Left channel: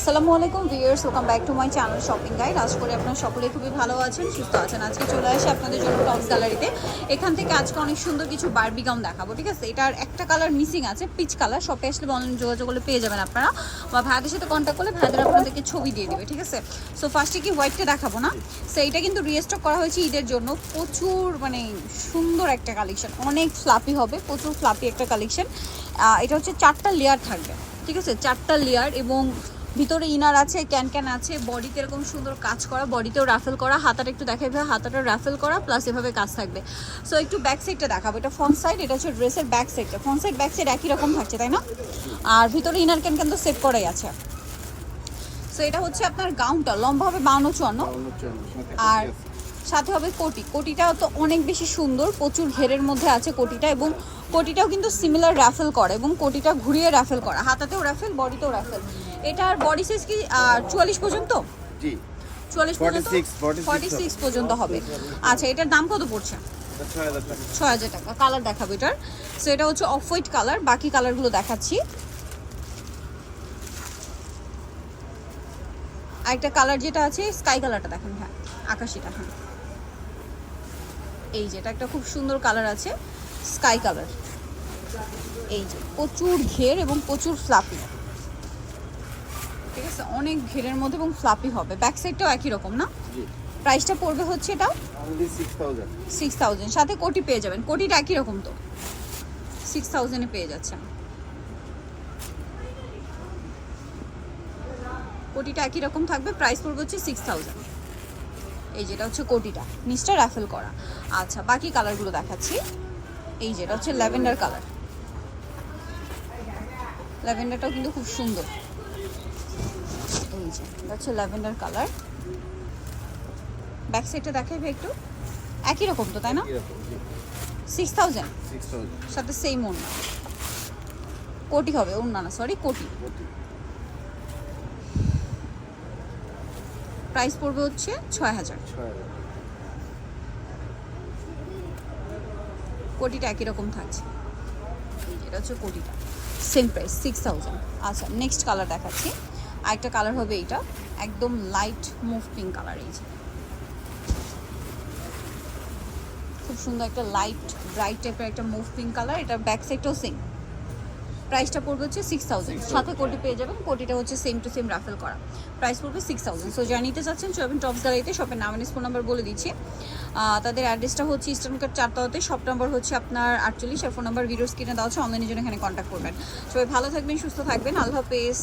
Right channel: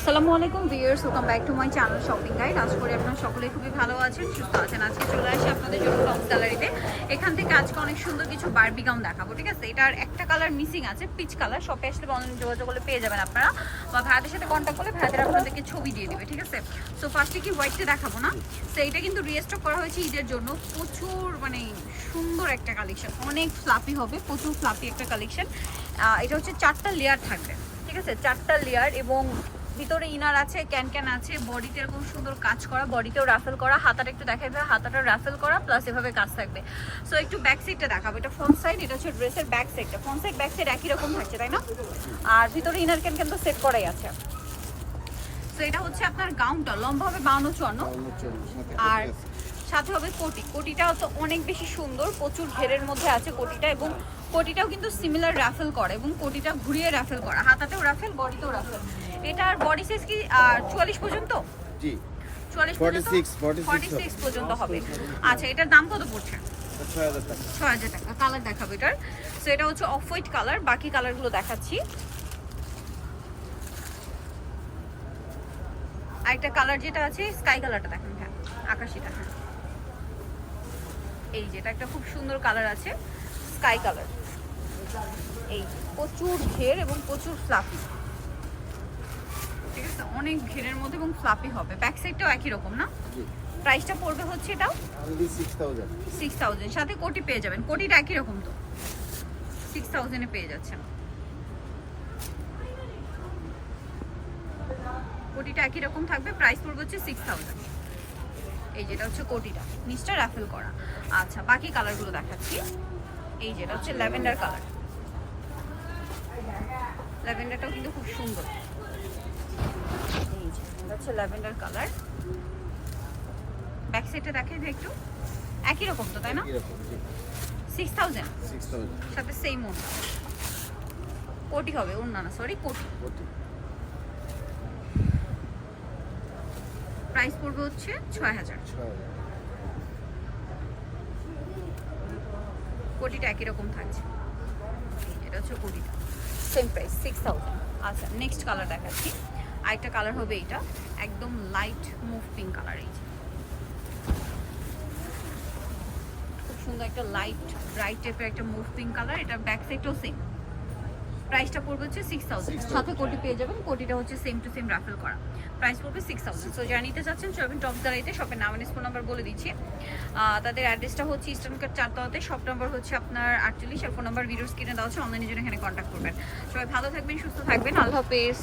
আসসালামু আলাইকুম viewers welcome back to my channel shopping guide আশা করি আপনারা সকলে খুবই ভালো আছেন, সুস্থ আছেন। আজকে চলে আসি আপনাদের জন্য টপস গ্যালারিতে এখান থেকে আজকে অনেক সুন্দর কিছু বারবি গাউন দেখাবো, ঠিক আছে? এটার একটা কালার মিসিং আছে পিচ কালার শপে আসলে অনলাইন যোগাযোগ করলে পেয়ে যাবেন আপনারা। বা ভাইদের সাথে কন্ট্যাক্ট করলে ভাইদের আপনাদেরকে ছবি দিয়ে দেবে, ঠিক আছে? সো ফার্স্টে কি হোয়াইটটা দেখাবো না? সো এইটা কিন্তু রিস্টক করা হয়েছে ঈদের জন্য। প্রচুর মানে সুন্দর একটা কালেকশন অনেক ফ্লাপি হবে, প্রচুর ফ্লাপি একটা কালেকশন এটা হচ্ছে চারটা লেয়ার থাকবে। ঠিক আছে? চারটা লেয়ার এবং ভিতরে ইনার আছে ক্যান ক্যান আছে বডিতে এরকম সুন্দর কাজ করা বডিতেও রাফেল করা হাতাটা একটু দেখাই ভাই হাতাটা রাফেল করা প্লাস এভাবে কাজ থাকবে। সো একটু ব্যাক সাইডটা দেখাবো। এটা ফ্রন্ট সাইড এটা হচ্ছে ড্রেসের ব্যাক সাইডটা ফ্রন্ট সাইড ব্যাক সাইড একই রকম থাকছে তাই না? আর ভিতরে ইনার ক্যান ক্যান তো সেট করাই আছে। সো এটা হচ্ছে আপনার গাউনটা লম্বা হবে বাউন্ন চুয়ান্ন। আর সাথে হবে কোটি। কোটিটাও তো অনেক বেশি সুন্দর প্রচুর ঘেরের মধ্যে আছে কোটিটা এবং কোটিটাও কিন্তু সিমিলার রাফেল করে এবং কোটিটা ঘুরিয়ে রাফেল করা। হাতাতেও রাফেল বডিতেও রাফেল এটার বডি সাইজ কি চুয়াল্লিশ পর্যন্ত? জি। চুয়াল্লিশ 46, 46 সিক্স পর্যন্ত হবে। আচ্ছা এটার দাম কত পড়ছে? ছয় হাজার টাকা। কালার দেখাবো এটার। সো এটা হচ্ছে অফ হোয়াইট কালার বাকি কালারগুলো দেখাচ্ছি। আরেকটা কালার যেটা আছে স্কাই কালারটা দেখেন হ্যাঁ আকাশিটা। হ্যাঁ এই যে এটা একটা খুব সুন্দর কালার আছে স্কাই কালার এই যে প্রচুর ঘের এবং প্রচুর ফ্লাপি ঠিক আছে অনেক ঘেরের মধ্যে এবং ফ্লাপি হবে। ব্যাক সাইডটাও একই রকম না? প্রাইসটা পড়বে হচ্ছে এটা সিক্স থাউজেন্ড সিক্স থাউজেন্ড সাথে কোটি পেয়ে যাবেন। কোটিটা একই রকম তো। সিক্স থাউজেন্ডে পেয়ে যাচ্ছেন কোটিটা একই রকম থাকবে। প্রাইস পড়বে হচ্ছে সিক্স থাউজেন্ড এই যেটা হচ্ছে কোটিটা। নিচটা র্যাফেল করা। আচ্ছা বাকি কালারগুলো দেখাচ্ছি। এই যেটা হচ্ছে ল্যাভেন্ডার কালার ল্যাভেন্ডারটা কিন্তু খুব সুন্দর। এই যে হচ্ছে ল্যাভেন্ডার কালার ব্যাক সাইডটা দেখাইবে একটু। একই রকম তো তাই না? সিক্স থাউজেন্ড সাথে সেম ওন কোটি হবে ওন না সরি কোটি। প্রতি প্রাইস পড়বে হচ্ছে ছয় হাজার। কোটিটা একই রকম থাকছে। এটা হচ্ছে কোটি। সেম প্রাইস সিক্স থাউজেন্ড আচ্ছা নেক্সট কালার দেখাচ্ছি। আরেকটা কালার হবে এটা। একদম লাইট মুভ পিঙ্ক কালার এই খুব সুন্দর একটা লাইট ব্রাইট টাইপের একটা মুভ পিঙ্ক কালার এটার ব্যাক সাইডটাও সেম প্রাইসটা পড়বে হচ্ছে সিক্স থাউজেন্ড সাথে কোটি পেয়ে যাবেন কোটিটা হচ্ছে সেম টু সেম রাফেল করা। প্রাইস পড়বে সিক্স থাউজেন্ড সো যারা নিতে চাচ্ছেন চবেন টপস গ্যালারিতে শপের নাম ফোন নাম্বার বলে দিচ্ছি। তাদের অ্যাড্রেসটা হচ্ছে ইস্টার্ন কার্ড চারতলাতে শপ নাম্বার হচ্ছে আপনার আটচল্লিশ আর ফোন নাম্বার ভিডিও স্ক্রিনে দেওয়া হচ্ছে অনলাইনের জন্য এখানে কন্ট্যাক্ট করবেন। সবাই ভালো থাকবেন সুস্থ থাকবেন আল্লাহ হাফেজ।